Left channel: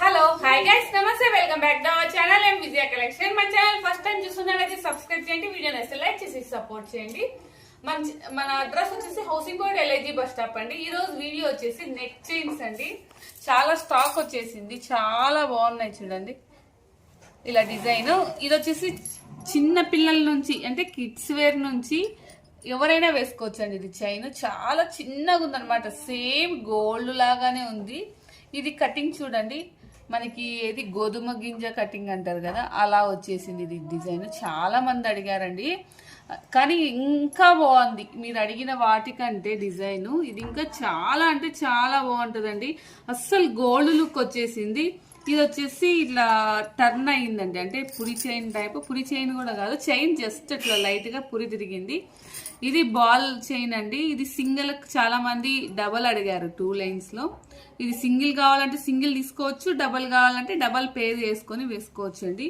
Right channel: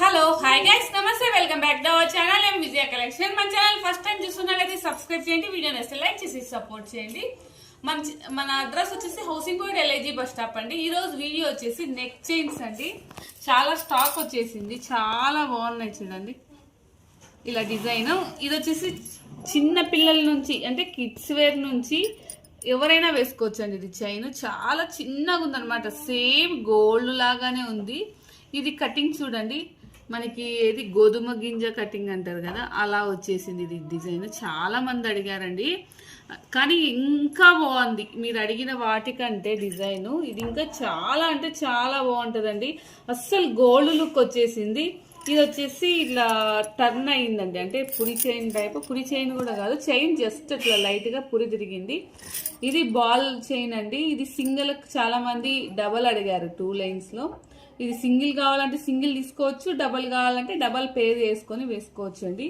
Hello hi guys నమస్తే welcome back to our channel M Vijaya collection. మన channel first time చూస్తున్నట్లయితే subscribe చేయండి, video నచ్చితే like చేసి సపోర్ట్ చేయండి. మన అడ్రస్ వచ్చేసి housing board LIG bus stop అండి. ఈ రోజు వీడియో వచ్చేసి నెక్ చైన్స్ అండి. చాలా స్టాక్ వచ్చేసింది, చాలా బాగున్నాయి చూడండి. ఇలా డిజైన్ ఇది వచ్చేసి చిన్న పిల్లల నుంచి అంటే కిడ్స్ వేర్ నుంచి ఎవరైనా వేసుకోవచ్చు అండి. ఇది చైన్ చాలా చిన్నగా ఉందన్నమాట, సేమ్ గోల్డ్ లాగానే ఉంది. ఇది కటింగ్ చూడండి, మనకి ఏది గోధుమ గింజ కటింగ్ అంటారు కదా, అలా వచ్చేసింది ఇది డిజైన్. చాలా మంది అడిగారండి, కానీ ఇంకా బాగుంది మీరు అడిగిన వాటికంటే డిజైన్ ఇది ఇంకా చాలా అంటే చాలా బాగుంటుందండి. అస్సలు గోల్డ్ లుక్ వచ్చేసింది. ఇది వచ్చేసి ఇట్లా టర్న్ అయ్యిందండి, అంటే పురి చైన్ టైప్. పురి చైన్ కూడా కాదు, చైన్ జస్ట్ ఇట్లా లైట్గా పురి తిరిగింది. ఇది బాల్ చైన్ అండి. ఇది సింగిల్, చాలా మంది డబల్ అడిగారు 2 లైన్స్లో. ఇది సింగిల్ కావాలంటే సింగిల్ తీసుకోవచ్చు, డబల్ కావాలంటే డబల్ పేర్ చేసుకొని వేసుకోవచ్చు అండి.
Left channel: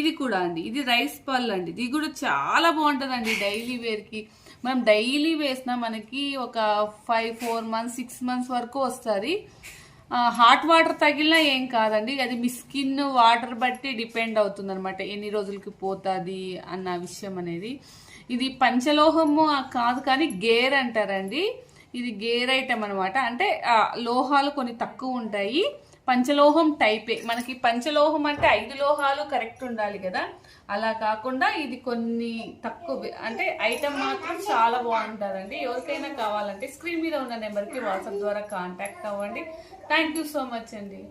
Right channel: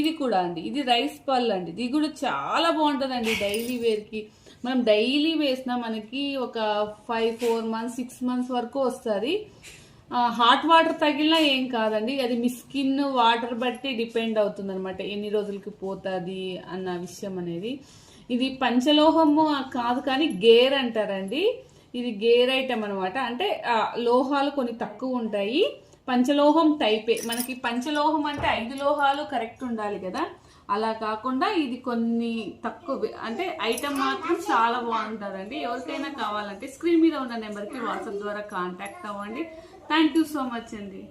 ఇది కూడా అండి, ఇది రైస్ పల్ అండి. ఇది కూడా చాలా బాగుంటుందండి డైలీ వేర్కి. మనం డైలీ వేసినా మనకి ఒక 4 మంత్స్ 6 మంత్స్ వరకు వస్తుంది. హాట్ వాటర్ తగిలినా ఏం కాదండి, అది మీ స్కిన్ వాటర్ బట్టి డిపెండ్ అవుతుంది అనమాట, ఎన్ని రోజులకి పోతుంది అన్న విషయం అనేది. ఇది పంచలోహము కాదు కానీ గేర్ అంటారండి. ఇది గేర్ ఐటమ్ అనమాట, అంటే లోహాలు కొన్ని తక్కువ ఉంటాయి. పంచలోహం టైపే. మనకి పంచలోహం అంటే 5 లోహాలు కరెక్ట్ ఉండాలి కదా, అలా కాకుండా ఇది కొన్ని తక్కువ, అంటే ఐటమ్ మాత్రం చాలా బాగుంటుందండి. ఎవరికైనా కావాలంటే స్క్రీన్ మీద ఉన్న నెంబర్కి వాట్సాప్ ద్వారా కాంటాక్ట్ అవ్వండి. థ్యాంక్ యూ సో మచ్ అండి.